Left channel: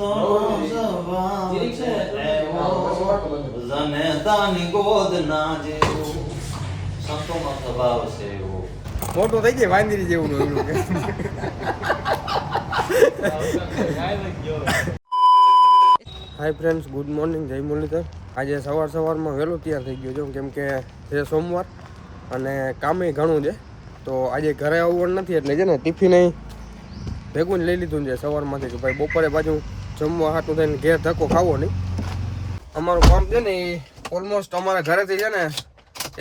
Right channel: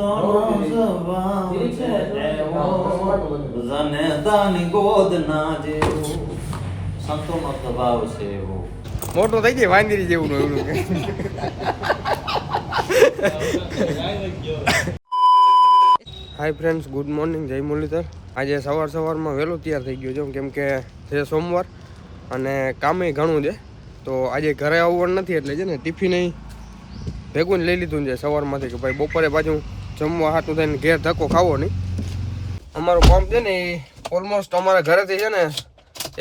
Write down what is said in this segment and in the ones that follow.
સંતોનો સ્વભાવ છે એવો જનેતાની ગોદ ના જેવો સંતોનો સ્વભાવ છે એવો મોટું થઈ ગયું વાંદરી જેવું એવડું કે હાય ફ્રેન્ડ્સ, ગુડ મોર્નિંગ, જય મુરલીધર. આજે સવારમાં વહેલું તૈયાર થઈ ગયો છું કેમ કે છે સોમવાર અને કામે ઘણું છે. તો આજે ઘરે આવવાનું નથી એટલે છે ને ટિફિન ભેગું જ લઈ લીધું છે સવારમાંથી કે ભાઈ બપોરે પાછું જમવા હાટું થઈને ઘેર ધક્કો ખાવો નહીં. અમારું કામ છે ને એ ઓલમોસ્ટ અમારા ઘરેથી છે ને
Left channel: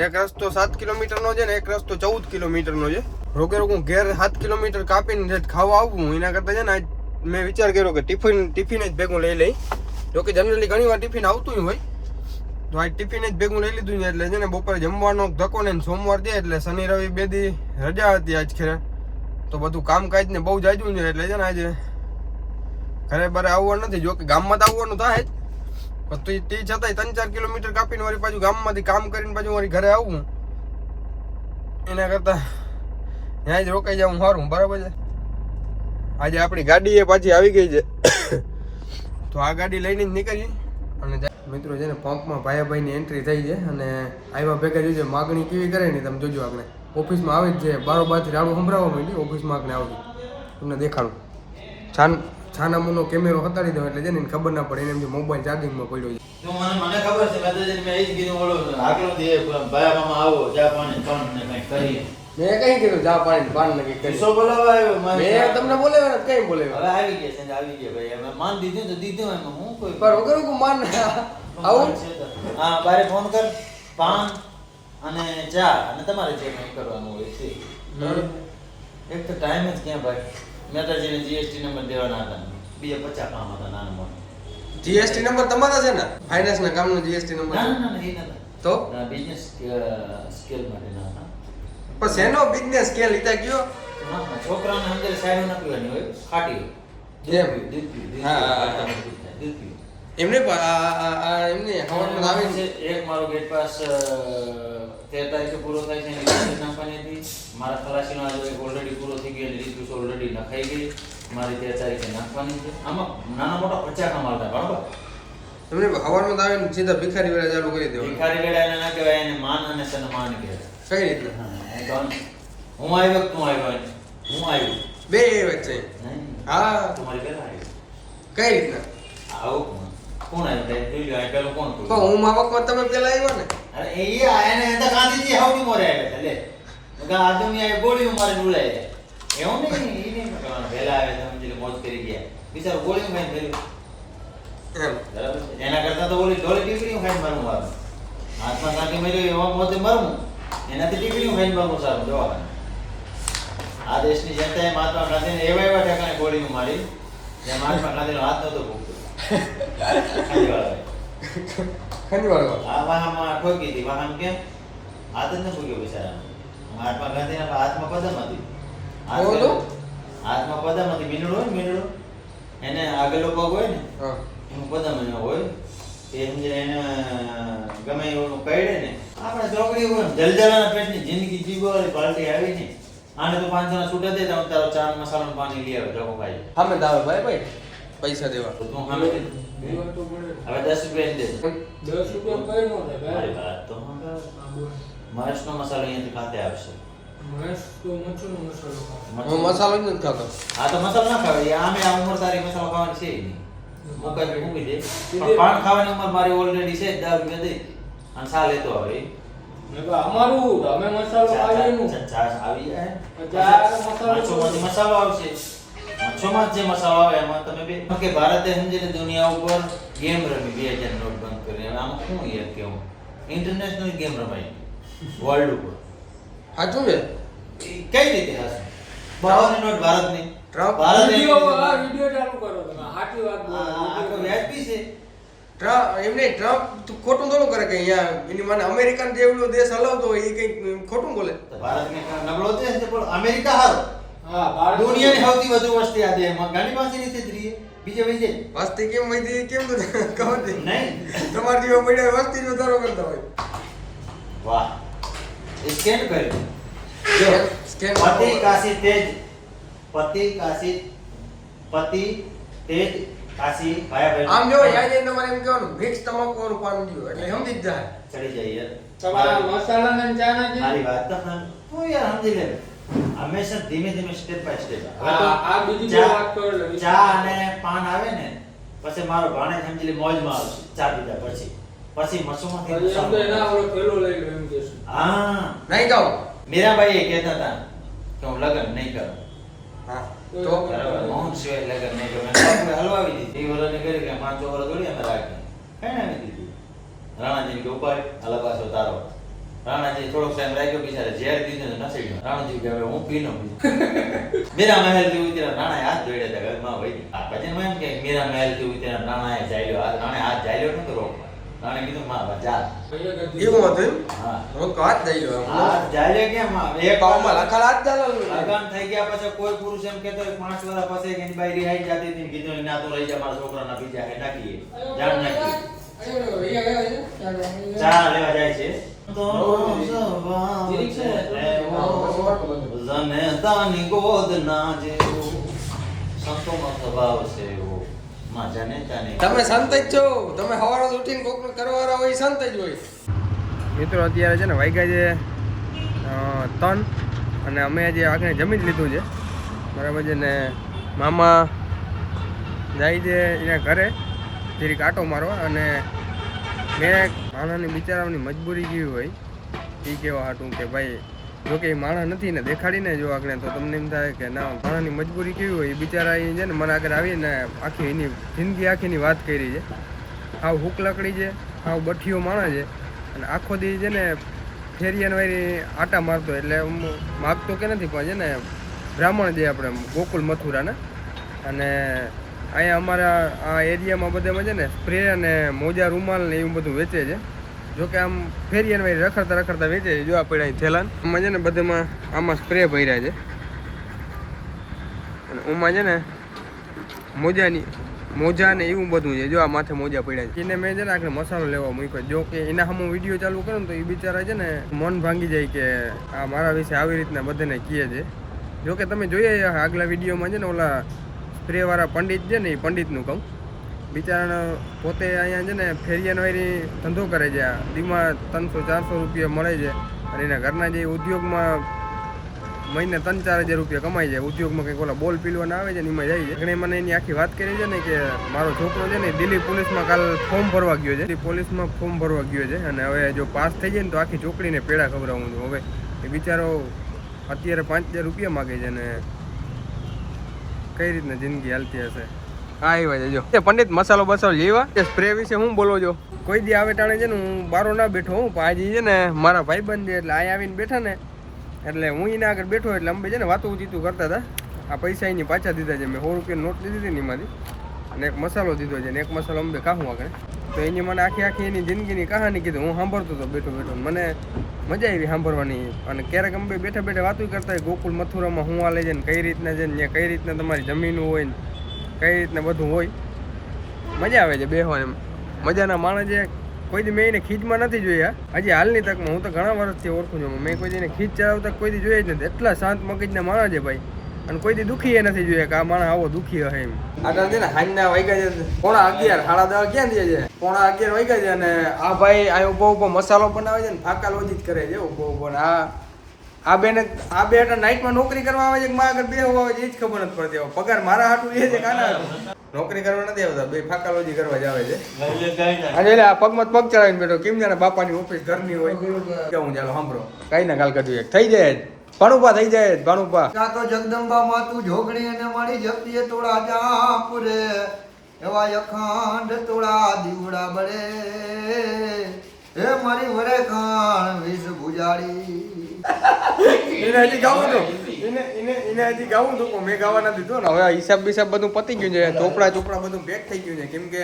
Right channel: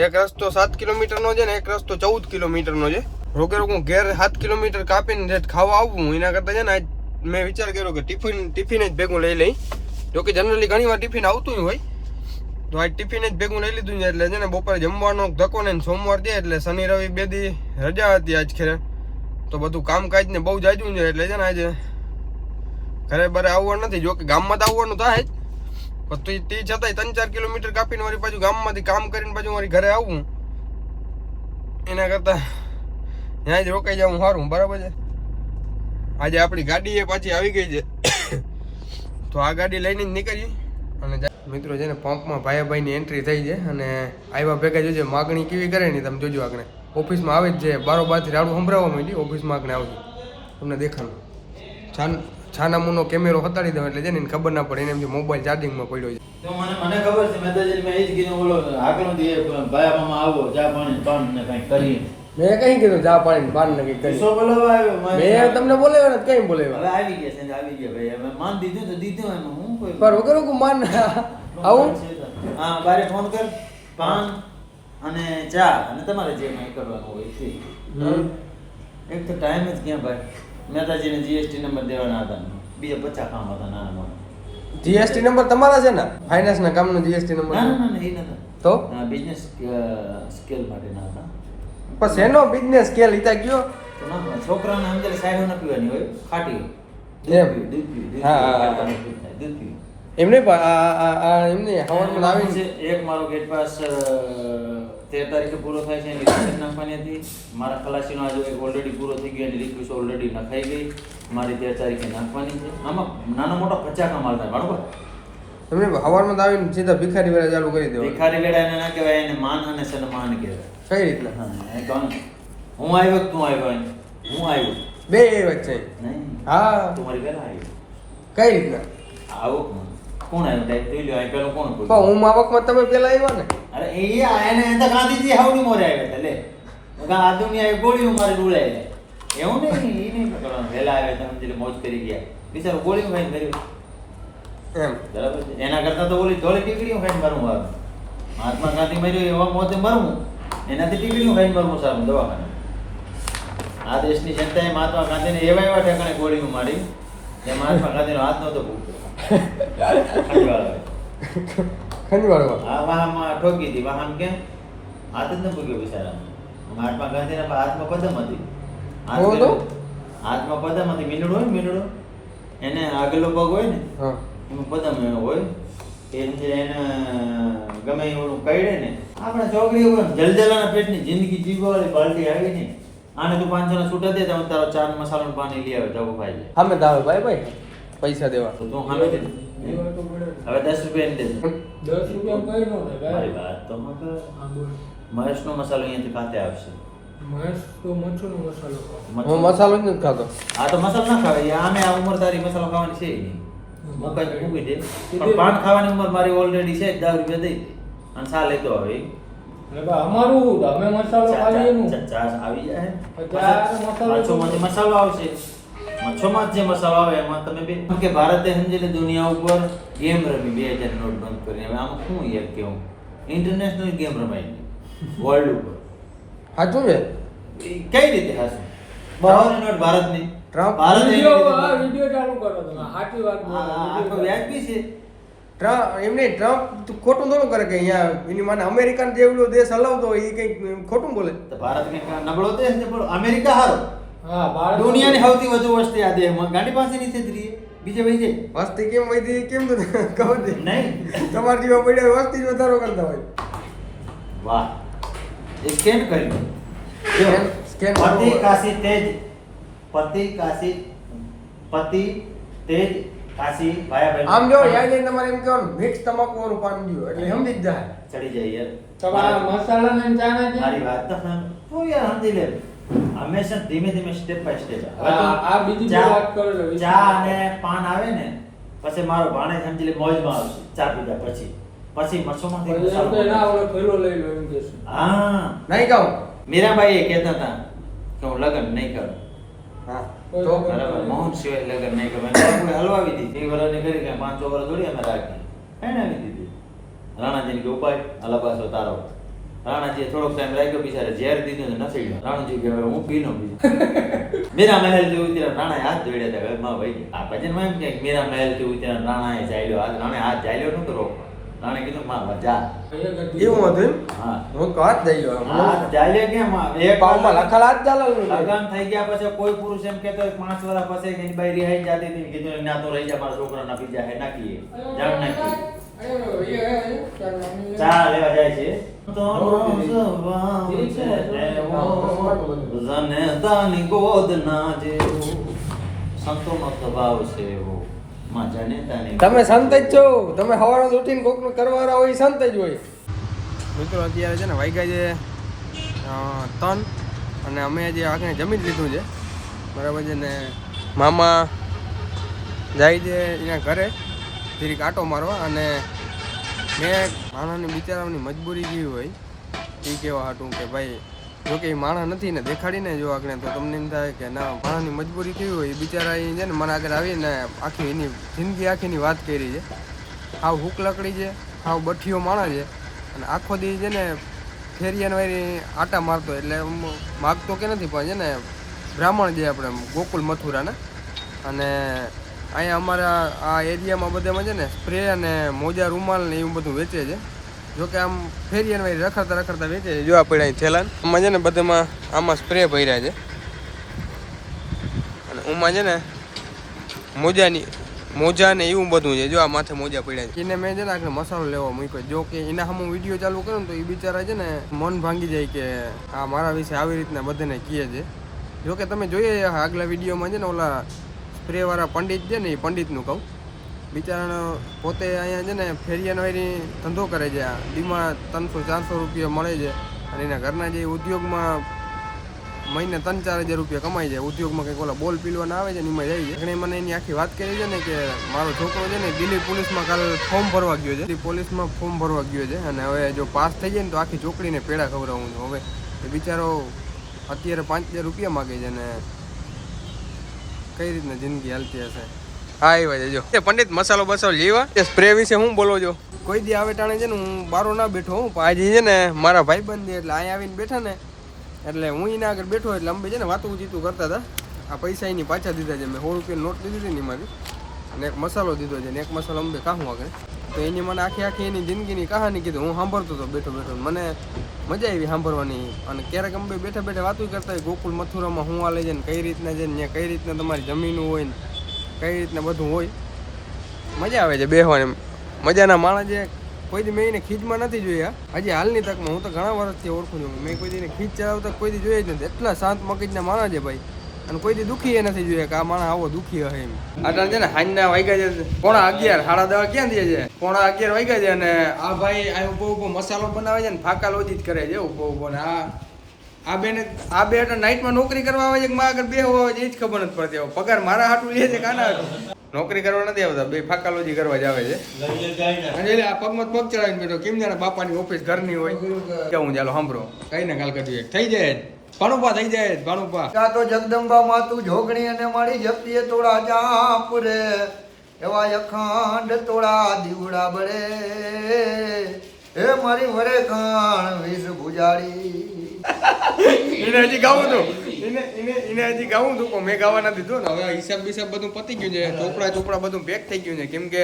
એક રસ્તો 7 કિલોમીટરનો છે ને એક રસ્તો 14 કિલોમીટરનો છે. રોગે હું ઘેર 7 કિલોમીટર કાપીને ખાવા આવું એના કરતાં છે ને આજ મેં વિચાર કર્યો કે ટિફિન જ ભેગું લઈ લઈ. જોકે જનરલી ઘણી વાર ટિફિન આવતું હોય તો આજ ટિફિન જ ભેગું લઈ લીધું છે એટલે છે ને બપોરે જમવાનો ધક્કો ને સોમવાર છે એટલે શનિ રવિ 2 દી રજા હતી આજ ખેર. તો બધું કામકાજ ને બહુ જાજું છે એટલે છે ને આજે ઘરે બરે આવવાનું નથી. જોકે ગામમાં તો આવવાનું થાય જ પણ તે છતાંય 3-4 કિલોમીટર કાપીને વળી પાછું ગામમાંથી કામ કરીને પાછું મારી ઘરે આવવું એના કરતાં ત્યાં જ રોકાઈ જવું સારું. બરાબર છે. આજે આપણી ગાડી એ પાછી આવી ગઈ છે તો આ ગાડી લઈને જ નીકળીએ. અને મિત્રો છે ને પંપમાં ભાઈની એન્ટ્રી થઈ છે અને આવ્યા ભેગા જોજે માગણી કેવી કરે ને તમે જોજો. આગળ ઓફિસમાં આવે જ છે બારોબારથી રાડું સંભળાવવા માંડી. ઓફિસમાં આગળ આવજો તમને દેખાડું. છાનામુનો કેમેરો હતાડી દો એટલે છે ને ખબર ના પડે એને એમ મોબાઈલ ચાર્જિંગમાં પડ્યો છે. તો મને ખબર છે મેં તો મેં એ જ કીધું બોલો આગળ દે ભાયામાં આવો ચા પાણી પાન ને કઈ કરીએ. મેં કઈ કીધું ચા પાણી પાન ને કઈ કરી સો બોલાવા આવ્યો મેં તમને બોલાવ્યો ને કઈ બોલાવ્યો. હવે આવી ગયા છે આવી ગયા ભાઈ અમે માન દીધું તો દીધું એમાં હું કોઈ પર વગર કો માન આવું હા બારે ફોન કર પાન અને ચા અને તમારે જે કંઈ કરવાનું હોય છે. એક તો ટાઈમ જ ક્યાં ભાઈ મહેતાજીને જીએસટી નંબર દેવાના હતા બીજા 50 કામ હતા નાના મોટા. જીએસટી નંબર તમારા છે ને ફાઇનાન્સ ના કામનો જીએસટી નંબર? ના ના ના એ નતા તો બિઝનેસ સ્કેલ માટે ના હતા. પણ શેનો બિઝનેસ સ્કેલ લીધા કયો? ના છોકરાઓને સમજે સાઈડ ન પીવાની હોય ખાટી દૂધ એમને એમને છે. એક મારો ગેટ પાસ 13 તારીખે પૂરો થાય છે એની રિક્વેસ્ટ નાખવાની હતી. મારા ખલાસીનો આજે ઓલરેડી પૂરો થઈ ગયો એની રિક્વેસ્ટ ઓલરેડી નખાઈ ગઈ. મારી 13 તારીખે નાખવાની છે. આમાં નાના મોટા 50 કમાલ થાય બરોબર. તમને હવારમાં આવીને સીધા ભિખારી વેળા ચાલુ કરી દો. ભિખારી વેળા એને ના કહેવાય, એને માન અને સન્માન કહેવાય. કઈ રીતે? હું આવ્યો તું આવ્યો હું આવ્યો બે વાત છે. નહીં હા તું મારી પહેલા આવ્યો કઈ રીતના આવો કોણ આવ્યો ટાઈપ જોઈ લો આ પેલું કોણ પણ હું માવકમાં તમે પેલા આવ્યા ને. અરે એ આને તો ગાંધીજી હાવની મોરે આવ્યા લે આ દુનિયા ગોળીઓ મારે ડુલાઈ જાય એવું નહીં. એ નહીં કરવાનું વહેલા આવ્યા તમે જે મોજ કરી ગયા બિચારો ગોળીઓ ખાઈને મર્યું એમ બરાબર છે. એના કરતાં તો ઓલી ધોળી ટીકડીઓ ખાઈને મરવું સારું. મહાત્મા ગાંધી મર્યું એવા મોતે મરવું એનાથી ટીકડીઓ ખાઈને મરવું સારું દવાખાના. આ દેશની જનતાએ મહાત્મા ગાંધીને એવા ઠેકાણે ગોળીઓ મારી જે મહાત્મા ગાંધીનો હાથ નહોતો ભૂગતો. આ વાહમાં ઠોકી હતી. વાહન કેમ હાથ જ ન ભૂગ્યો બિચારાને. મહાત્મા ગાંધીના હાથમાં પદમ હતી. હાથમાં પદમ હતી. મીંડળું હોય ને મીંડળું એને આગળનો પગ હોય ને એનું પદમ એનો હોય એ સમજે એને ગમે એવું કઈડે ને આપણા ચોકડી હોય ને જલજલાના પેટની જિંદગી જીવવાળી પાર્ટી આવી ને આને તું 500 ના છૂટા દે તો તારો ચાર મસાલાનું પાણી લઈ આવે ધોકો ખાઈ જાય. સામે દાવ ભાઈ પૈસા દેવા તો તું સામે દે હવે 10 રૂપિયા દે 10 રૂપિયા કઈ નો થાય મારી વાત તો મહેશનો મસાલો અહીંયાથી કાંતે આવશે. મહેશ તો મરચું મસાલો ખાય. હું મસાલો જ નથી ખાતો. આ તો મસાલો ના ખાવે આમે આ ઉંમર તારી મસાલો ખાવાની છે નહીં મુકાઈ મૂકી દે પણ પાન ખાવાની ઉંમર મારી ઓલરેડી છે 10 રૂપિયા દઈ અને સા લેતો આવે ને બા અમારું અમે મસાલો ખાઈએ નું ચાસ આવી જાય મસાલો મસાલો આવશે. મચ્છોમાં જે મસાલો આવે એમાં તમે બે કે ભારતે સમજીને દુનિયા ઉપર ગેમ રમી 2000 નોટ બંધ કરીને હવે આમાં શું યાર કેવું ઇન્ટરનેશનલ ગેમ રમાઈ વર્લ્ડ ઉપર સાચું છે કઈ રીતે હશે બહારની નોટ ભારતની ભારત વિડિયો ચાલુ કરો તમે સાચી વાત બોલો. આખો વ્યાજબી છે. એમને ટ્રમ્પ ખોટું તો કરે કે અહીંયા એની માને અમેરિકન જેવડો દેશ હલાવતો હોય એ કઈ ખોટું બોલે તો ભારતને નબળો દેશ છે પણ અમેરિકા હારો હા ભારત દુનિયાની સૌથી વધુ વસ્તી આ દેશમાં ગાંડી પાસે નથી રહી બીજે વહી જાય વસ્તી કેમ વધી કેમ તો ખબર છે નહીં તમારા જેવા પડ્યા વસ્તી વધારો કરતા હોય. વાહ સ્કેન કરી સ્કેન પતિ કાશી તેજ કાશી ભાયા આમ ભાઈ જો યાર એ તમારે એમ કહેવાનું મિક્સ તમાકુનું પાણી દીધું એટલે સમજી જ જાય. ચડી જાય યાર. તમારા મસાલા ને ચા નાખી મારી વાત તો તું યાર સમજી લે. હંમેશા ધીમે ધીમે સ્ટેપ બાય સ્ટેપ. આ બીજી બે વાત કરો એટલે ચા અને પાન આવે ને પછી મારો ભાણેજ સમજી લે મોજમાં આવશે ચા પીધા પછી મસોમાંથી એમ તો ના ઓલો થેલો લઈ લો એમ કહેશું. હા નહીં કહું. મીરાબાઈ એ કહેતા હતા કે હું લગ્ન નહીં કરું. હા તો બરાબર મોહન સિવાય લગ્ન નહીં કરું. બાપુએ હલવાવી દીધી. 2 વર્ષની કરી કે 5 વર્ષ થોડી અમે રાખી એનાવી દીધી. રાણાજીને કે ઉપાય અલાબાસો તારો. રાણાજી થોડોક ટાઈમ રાખ્યો બિચારે ઝેર દીધું ને નસી રાણાજી કે હવે હું પીનો બીજો મીરા મહેલ થી ઉતર્યા રાણાએ હાથ જોડ્યા હતા ઘરમાં ભાઈ આ ભજનમાં એમ કે મીરા મહેલ થી ઉતર્યા રાણાએ ચાલ્યો હાથ રાણે હાથ ચાલ્યો નતો રોકવા. રાણે કીધું માં જા. એવું હતું એમ? હા હું તો હાથ દઈ ગયો. હાથ ચાલ્યો કેમ એક વાર લખડ હાથ ચાલવું. લગન થઈ ગયા પછી કોઈ પુરુષ એમ કહેતો હોય 5 વર્ષ પછી કે એની બાઈ રિહાઈ જાતી હતી કીધું એના તો રહી જા મારા છોકરાના બીજા હે નાખીએ જાણ નાખીએ ચા લેવા જાય છે તો સ્વભાવ છે એવો જનેતાની ગોદ ના જેવો સંતોનો સ્વભાવ છે એવો માં જનેતાની તમે સંત જ છો. તમે સવારે ઉઠીને કોકનું કરવાના હોય સંત જ હોય. મિત્રો અત્યારે છે ને વાગ્યા છે 3 અને અમે આજે આખરે જમી જ લીધું છે બરાબર છે ને મામા જાય છે એના ઘરે ફરી આંટો મારવા અને મેં માણાની બિચારાની મજબૂરી જેવી હોય એ કહેવા હાટું કે ભાઈ જો કે એ માણા નથી ને દેખાડીને જો આગળ તો તમને એમ થાય કે ના માણાની મજબૂરી કેવી હોય એ બિચારા એ છે ને મને આગળ આવીને આખી એની જિંદગી આખીની વાત કરી છે. હાવ હુક લકડી છે, હાવ બઠીઓ માણા છે અને આખો દી છે ને ફેરિયાને વારી આટા મારતો એટલે માગતો કે નથી પણ છે ને બ્રાહ્મણ જે આપણે ગોકુલ મથુરાના અને અહીંયા અમારા આ એરિયામાં બધામાં છે ને સ્પ્રે અને મોજા રૂમાલ ને એવું બધું વેચે છે. જોકે આમ ફેરિયાને વારી રખડતા વેચે છે. જો આ પડ્યા થેલાન આમાં છે ને બધામાં આમાં સ્પ્રે ભર્યા છે અને ઉમાં છે ને મોજા ને એવું બધું છે. જો આ માથે મોજા પડ્યા છે એને મેં છે ને આખરે મસાલો લેવા મૂક્યો. જો કે એના સામે વિડીયો ચાલુ કરું તો એ બિચારા છે ને મન ભાંગી જાય કે આ મારા વિશે આવી રીતના બધાને કહે છે. જોકે તમે જોઈએ આગલા વિડીયોમાં છે ને ઓલા સ્પ્રેવાળા પંડિત છે ને એ પંડિતનું કહું બિચારાનો પોતે અહીંયા છે ને ફેરિયાનો વારી ધંધો કરે છે. દીમાં 300-400 રૂપિયા મળે છે અને એના ઘરના જે ઉદ્યોગમાં મહિને 3-4 હજાર રૂપિયા કમાઈ જાય. ઉદ્યોગમાં કંઈક ઓલા બોલ પીલવાના આવે છે ને એમાં જાય છે. એટલે મને એની આખી વાત કરી છે ને કે મારો છોકરો છે ને દિલ્હી પોલીસમાં કાલ ફોર્મ ભરવા ગયો છે. દિલ્હી પોલીસમાં ફોર્મ ભરવા ગયો છે અને હવે જો પાસ થઈ જાય ને તો આખી ચોકડીને પેડા ખવડાવું છું. હવે એ બિચારો અત્યારે 5,000 રૂપિયા માગે છે ને કઈ રીતના જિંદગી હાલતી હશે. હા એ વાત જો પંડિત મસાલો બસાલો લેવા સ્પ્રે વિશે હું બોલો છો. કોઈ દી આવે ટાણે છે ને હું બારો ના બેઠો હું પણ આજે છે ને મારા ભાઈબંધ છે એટલે અહીંયા આવીને બેઠા ને એટલે હું એના આગળ બેઠો એટલે અંબે છે ને વાતું ચીતું કરતા હતા. આ પૈસા એની પાછા દીધા છે. મેં 100 રૂપિયા નોટ લીધી હતી ને એમાંથી અને એક મસાલો દીધો છે ને એક મસાલો અંબે ખાવું આગળ તો એની મને આખી એની જિંદગીની કહાની કીધું. હું સાંભળતો હતો બેઠો મને મજા આવી સાંભળવાની અને ક્યારેક અંબે બેઠા વાતું કરતા હોય ગોકુલ મથુરામાં હું હાલે છે ને કઈ રીતના છે ને કઈ રીતના તમારી જમીન હોય ને કઈ રીતના બધું હોય મજા આવે છે બેસવાની. મજાના માણસ છે. કોઈ દી મેં એને ખીચમાં નથી જોયા હજી હાલની તકમાં. હું તો ઘણા વર્ષથી ઓળખું છું. મેં કોઈ દીને ખીચ ચલાવતા કોઈ દી જોયા જ નથી. એટલા શાંત મગજના માણસ છે ભાઈ અને કોઈ દી દુઃખી એ નથી જોયા કે આ માણસ આવો દુઃખી હશે એમ. આટલા છે ને હાંજના વાગ્યા છે 11:30 10:30 ક્યાં દે છે 11:30 વાગ્યા છે અને આ ભાઈ આ ઉભો મસાલો બનાવે છે ને ફાકા લોજી જ કરે છે ઉભો ને આ બે આટા નાઇટમાં નોકરી કરવા આવે છે કે મારા આગળ બેહવા આવે છે એ જ ખબર નથી પડતી. પગાર મારા હાટું લે છે કાના હાટું નોકરી કરવા નથી આવતા. બે ફાકાલોજી કરવા જ આવે છે અને એટલે આ પગમાં પગ ચડાવીને બેઠો કેમ જાણે બાપાની ઓફિસ ઘરની હોય કેવું ચાલો સાંભળો કઈ ના કાલ કદું એક થઈ જાય ભાણુપા થઈ જાય ભાણુપા કા તો જગદંબા માતું જોગણી અને મારી જપ્તીએ તોડા ચાપ રે એવા અખંડ તોડા દીવડા બળે હે મારી વરે કાણ વિષ ભુજાડી એને હજી ગાવું હતું એને હજી ગાવું હતું મેં ગાવા નથી દીધું ને હવે હિસાબ બિસાબ બધું પતી ગયું છે. ચોપડા બધું પેક થઈ ગયું છે કેમ કે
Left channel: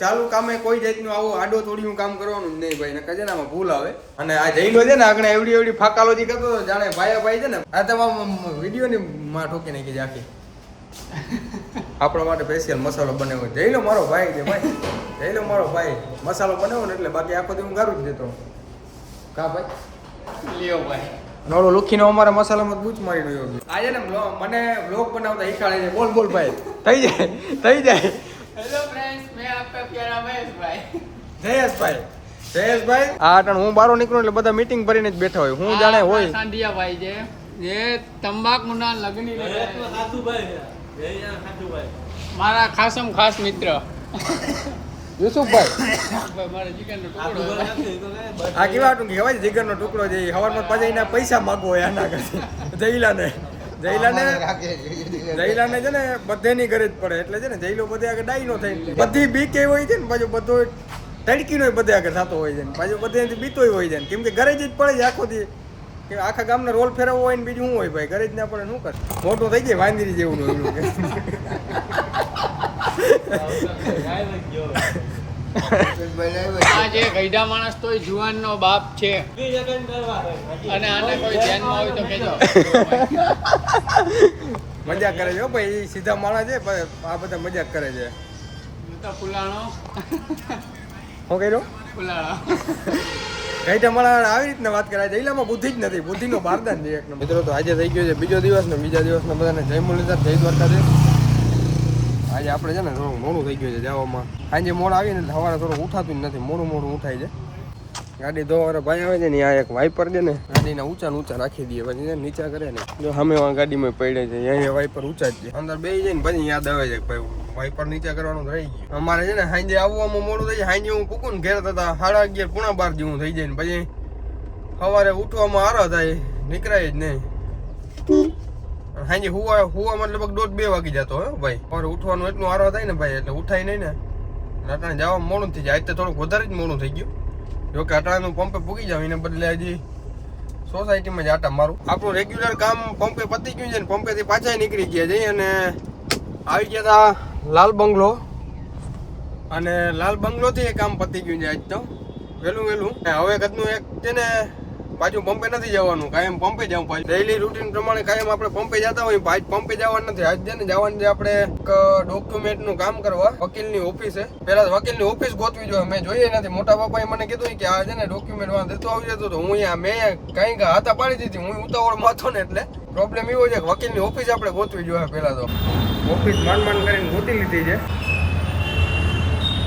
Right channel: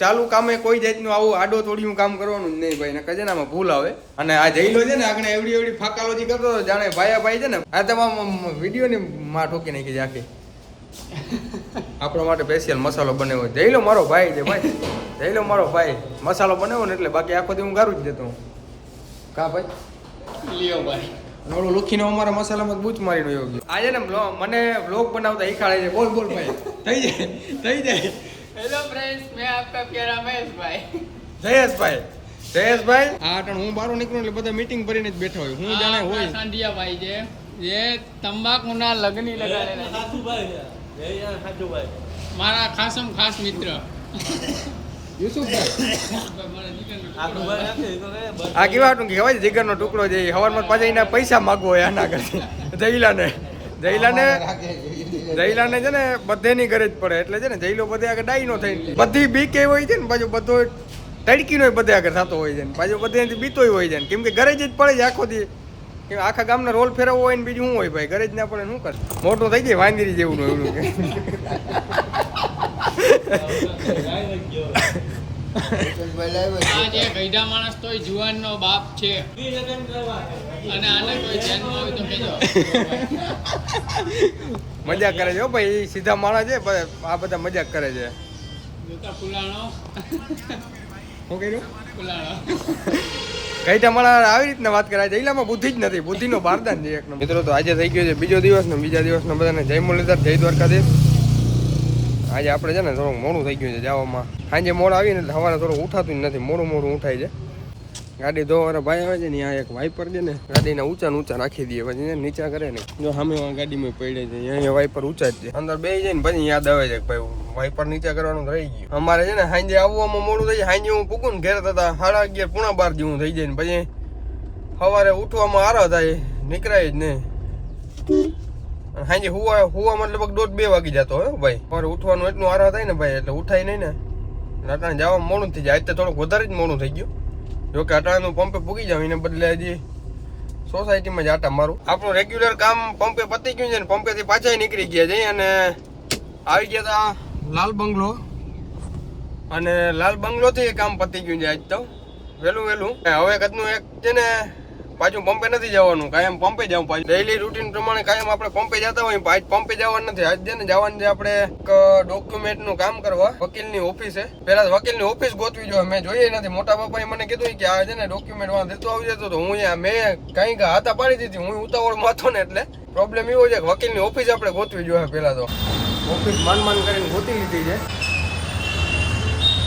ચાલુ કામે કોઈ જાતનું આવું આડો તોડિયું કામ કરવાનું જ નહીં ભાઈ ને કજનામાં ભૂલ આવે. અને આ જઈલો છે ને આગળ એવડી ફાકાલોજી કરતો હતો જાણે ભાઈ છે ને આ તમામ વિડીયોની માં ઠોકી નાખી છે આખી. આપણા માટે સ્પેશિયલ મસાલો બનાવ્યો જઈલો મારો ભાઈ છે ભાઈ જઈલો મારો ભાઈ મસાલો બનાવ્યો ને એટલે બાકી આખો દી હું ગારું જ જતો કા ભાઈ લ્યો ભાઈ અને ઓલો લુખીનો અમારા મસાલામાં બૂચ મારીનો યોગ્ય આજે ને મને વ્લોગ બનાવતા શીખાડે છે. બોલ બોલ ભાઈ થઈ જાય હેલો ફ્રેન્ડ્સ, મેં આપકા પ્યારા મહેશભાઈ. જયેશભાઈ આ અટાણ હું બારો નીકળું એટલે બધા મીટિંગ ભરીને જ બેઠા હોય. હું જાણે હોય સાંઢિયાભાઈ છે જે તંબાકુના લગની લગાડે. મારા ખાસમ ખાસ મિત્ર યુસુફભાઈ મારા જીગરનો ટુકડો. આ કેવા હતું કે ખબર છે જીગરનો ટુકડો છે હવારમાં પાછા એના પૈસા માગવો હોય આના કરતી જયલાને છે ને બધેની ગરજ પડે એટલે છે ને જયલો બધે આગળ ડાઈ નો થઈ બધી બીક એવી હોય છે ને પાછું બધો તડકીનો બધે આગળ થતો હોય છે ને પાછું બધેથી બીતોય હોય છે ને કેમ કે ગરજ જ પડે છે આખો દી કે આખા ગામના રોલ ફેરવવો હોય ને બીજું શું હોય ભાઈ ગરજ ના પડે શું કરે મોટું થઈ જાય વાંદરી જેવું એવડું આ જે ગઈઢા માણસ તોય જુવાનનો બાપ છે અને આને કોઈ ધ્યાનમાં આવે તો કહેજો. મજાક કરે છે હો ભાઈ એ સીધા માણસ છે પણ આ બધા મજાક કરે છે. ફુલાણો શું કર્યું ફુલાણો કઈ મારા આવી રીતના વાત કરાય જઈલામાં બુદ્ધિ જ નથી બુદ્ધિનો બારદાન છે એક મિત્રો. તો આજે થઈ ગયો છે બીજો દિવસ ને બીજા દિવસના બધાને જય મુરલીધર જય દ્વારકાધીશ. આજે આપણે છે ને થોડુંક મોડું થઈ ગયું છે જવામાં. સાંજે મોડ આવીને એટલે સવારે થોડું ઉઠાતું જ નથી મોડું ઉઠાય છે. ગાડી ધોવાના ભાઈ આવે છે ને આ એક વાઇપર છે ને ગાડીના ઊંચા રાખી દઈએ પછી નીચા કરે ને જો સામે ગાડીમાં પડે છે અહીંયા વાઇપર ઊંચા જ છે અંદર બે જાય ને પછી યાદ આવે છે કે ભાઈ વાઇપર નીચા કરવાનું રહી ગયું. અમારે છે ને સાંજે આવવામાં મોડું થઈ જાય. સાંજે હું પૂકું ને ઘેર થતા 11:30 પોણા 12 જેવું થઈ જાય ને પછી સવારે ઉઠવામાં આરો થાય નીકળાય જ નહીં. સાંજે હુવા મતલબ 1:30-2 વાગી જતો હોય ભાઈ. સવારે ઉઠવાનું એટલું આરો થાય ને ભાઈ એટલે ઉઠાય નહીં ને અટાણે જવામાં મોડું થઈ જાય. આજ તો થોડુંક વધારે જ મોડું થઈ ગયું. જોકે અટાણાનું પંપે પૂગી જાવ એને બદલે હજી સોસાયટીમાં જ આટા મારું. આપણું રેગ્યુલર કામ પંપે પતી ગયું છે ને પંપેથી પાછા નીકળી ગયા છે અને આવી ગયા હતા લાલ બંગલો અને લાલ બંગલોથી એ કામ પતી ગયું છે આજ તો વહેલું હવે કદનું એક છે ને પાછું પંપે નથી જવાનું કાયમ પંપે જવું પાછું ડેઈલી રૂટીન પ્રમાણે કાયમ આપણે પંપે જતા હોય આજ પંપે જવાનું નથી. આજ છે ને જવાનું છે આપણે એક ડોક્યુમેન્ટનું કામ કરવા વકીલની ઓફિસે. પેલા વકીલની ઓફિસ ગોતવી જોઈએ. મેં જોઈએ નથી. મોટા બાપાએ મને કીધું કે આ છે ને ડોક્યુમેન્ટ વાળા દેતો આવી જતો તો હું મેં કઈ હાથા પાડી દીધી. હું ઉતાવળમાં હતો ને એટલે પ્રોબ્લેમ એવો છે કે વકીલની ઓફિસ આપણે ગોતવી જોઈએ. પેલા તો ઓફિસ માંડ કરીને ગોતી લીધી છે.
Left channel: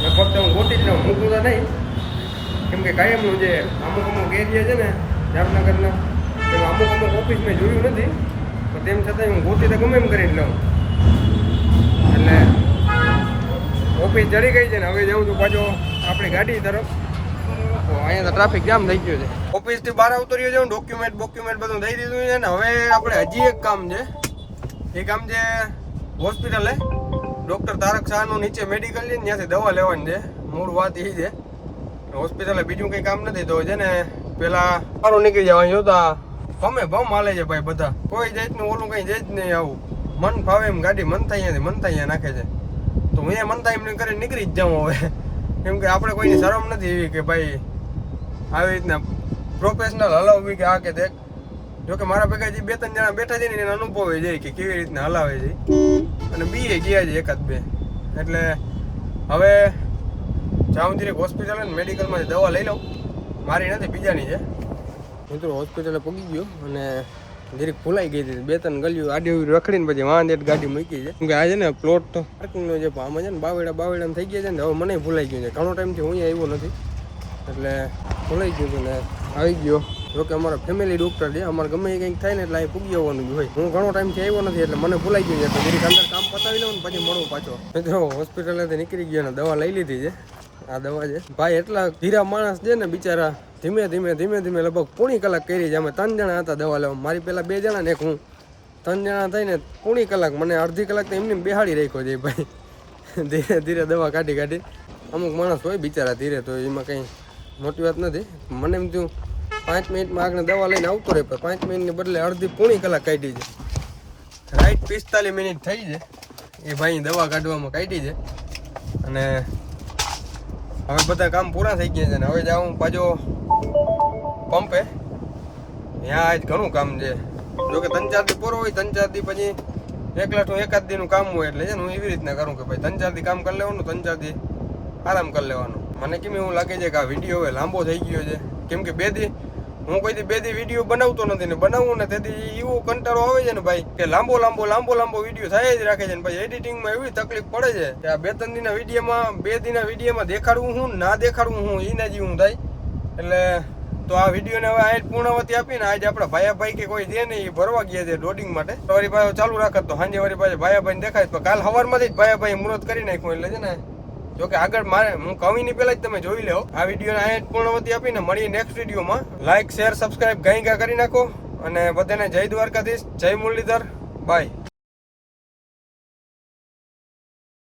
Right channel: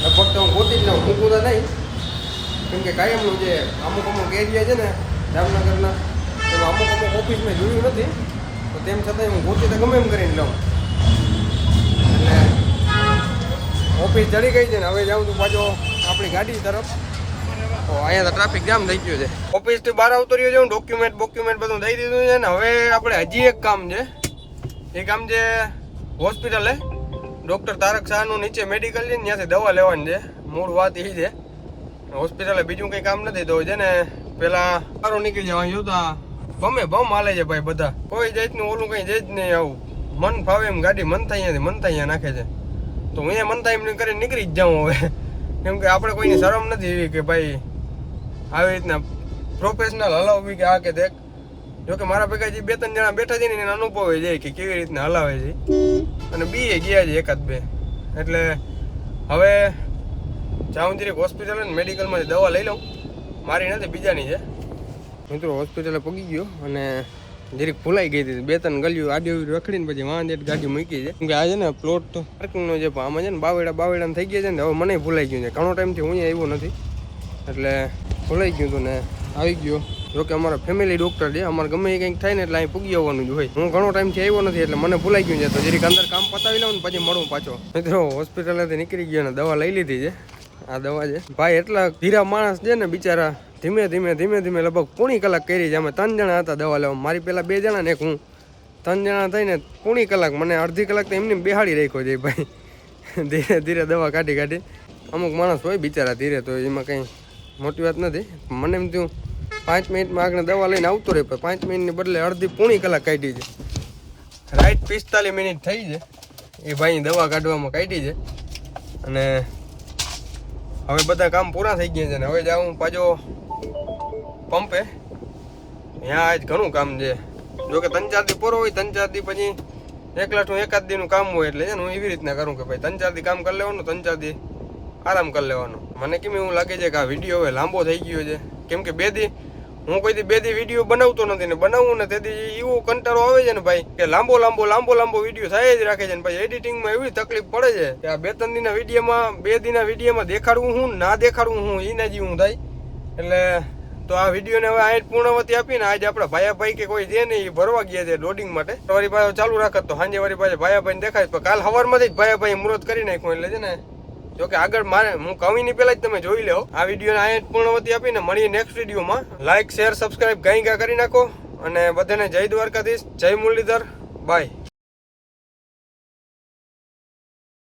લગભગ તો હું ગોતી જ લઉં મૂકું તો નહીં કેમ કે કાયમનું જે અમુક એરિયા છે ને જામનગરના એમાં અમુક ઓફિસ મેં જોયું નથી તો તેમ છતાં હું ગોતી તો ગમે એમ કરીને લઉં. એટલે ઓફિસ ચડી ગઈ છે ને હવે જાઉં છું પાછો આપણી ગાડી તરફ. તો અહીંયા તો ટ્રાફિક જામ થઈ ગયો છે. ઓફિસથી બહાર આવતો રહ્યો છે. ડોક્યુમેન્ટ બધું દઈ દીધું છે ને હવે આપણે હજી એક કામ છે. એ કામ છે હોસ્પિટલે ડૉક્ટર તારક શાહનું નીચે મેડિકલ છે ને ત્યાંથી દવા લેવાની છે. મૂળ વાત એ છે હોસ્પિટલે બીજું કંઈ કામ નથી. તો છે ને પેલા સારું નીકળી જવાનું જોતા ગમે ભમ હાલે છે ભાઈ બધા. કોઈ જાતનું ઓલું કંઈ જાય જ નહીં. આવું મન ફાવે એમ ગાડી મનતા અહીંયા નાખે છે. તો હું અહીંયા મનતા એમ કરીને નીકળી જ જાઉં હવે કેમ કે આપણે કોઈની શરમ નથી એવી કે ભાઈ આવી રીતના પ્રોફેશનલ હલાવવી કે આ કે દેખ. જોકે મારા ભેગા જે 2-3 જણા બેઠા છે ને એને અનુભવ જાય કે કેવી રીતના હલાવે છે અને બીએ ગયા છે 1-2. એટલે હવે જાઉં જરીક હોસ્પિટલ ને મેડિકલમાંથી દવા લઈ લઉં. મારી નથી બીજાની છે. મિત્રો હોસ્પિટલે પગી ગયો અને જરીક ભૂલાઈ ગઈ હતી. 2-3 ગલીઓ આડી રખડીને પછી વાંધેટ ગાડી મૂકી છે કે આ છે ને પ્લોટ પાર્કિંગનો જે આમાં છે ને બાવેડા થઈ ગયા છે ને હવે મને ભૂલાઈ ગયું છે. ઘણો ટાઈમથી હું આવ્યો નથી એટલે ભૂલાઈ ગયું હતું ને આવી ગયો. જોકે અમારા ફેમિલી ડૉક્ટર છે. અમારે ગમે એ કંઈક થાય ને એટલે અહીં પૂગી આવવાનું જ હોય. હું ઘણો ટાઈમથી આવ્યો નથી એટલે મને ભૂલાઈ ગયું છે. તો જરીક અંદર કામ પતાવી લઉં ને પછી મળું પાછો. મિત્રો હોસ્પિટલેથી નીકળી ગયો ને દવા લઈ લીધી છે. આ દવા છે ભાઈ એટલા ધીરા માણસ છે ને બિચારા ધીમે ધીમે લગભગ પોણી કલાક કરી છે. અમે 3 જણા હતા દવા લેવા. મારી પેલા 2 જણા ને એક હું 3 જણા થઈને પોણી કલાક મને અડધી કલાક તો એમને બેહાડી રાખ્યો છે ભાઈ. ધીરે દવા કાઢી અમુક માણસ હોય બિચારા ધીરે તો એમાં કંઈ મોટી વાત નથી. મને એમ થયું 5 મિનિટમાં આગળ દવા લઈને આવતો રહે પણ 5 મિનિટની બદલે અડધી પોણી કલાક કાઢી છે. રાઈટ 45 મિનિટ થઈ છે એ ભાઈ દવા કાઢવામાં કાઢી છે. અને હવે બધા કામ પૂરા થઈ ગયા છે ને હવે જાઉં પાછો પંપે. ત્યાં આજ ઘણું કામ છે. જોકે 3-4 દી પૂરો હોય 3-4 દી પછી એકાદ દીનું કામ હોય એટલે છે ને હું એવી રીતના કરું કે ભાઈ 3-4 દી કામ કરી લેવાનું 3-4 દી આરામ કરી લેવાનો. મને કેમ એવું લાગે છે કે આ વિડીયો હવે લાંબો થઈ ગયો છે કેમ કે 2 દી હું કોઈ દી 2 દી વિડીયો બનાવતો નથી ને બનાવું ને તેથી એવો કંટાળો આવે છે ને ભાઈ કે લાંબો વિડીયો થાય જ રાખે છે ને ભાઈ એડિટિંગમાં એવી તકલીફ પડે છે કે આ 2-3 દિનના વિડીયોમાં 2 દિનના વિડીયોમાં દેખાડવું હું ના દેખાડવું હું એના જેવું થાય. એટલે તો આ વિડીયોને હવે આ પૂર્ણવતી આપીને આજે આપણા ભાઈ કે કોઈ છે ને એ ભરવા ગયા છે લોડિંગ માટે. વળી પાછો ચાલુ રાખત તો સાંજે વળી પાછા ભાઈ દેખાય તો કાલ સવારમાંથી જ ભાઈ મુહૂર્ત કરી નાખ્યું એટલે છે ને જોકે આગળ મારે હું કવિની પહેલા જ તમે જોઈ લો. આ વિડીયોને આ પૂર્ણવતી આપીને મળીએ નેક્સ્ટ વિડીયોમાં. લાઈક શેર સબસ્ક્રાઇબ ગાઈ કરી નાખો અને બધાને જય દ્વારકાધીશ, જય મુરલીધર, બાય.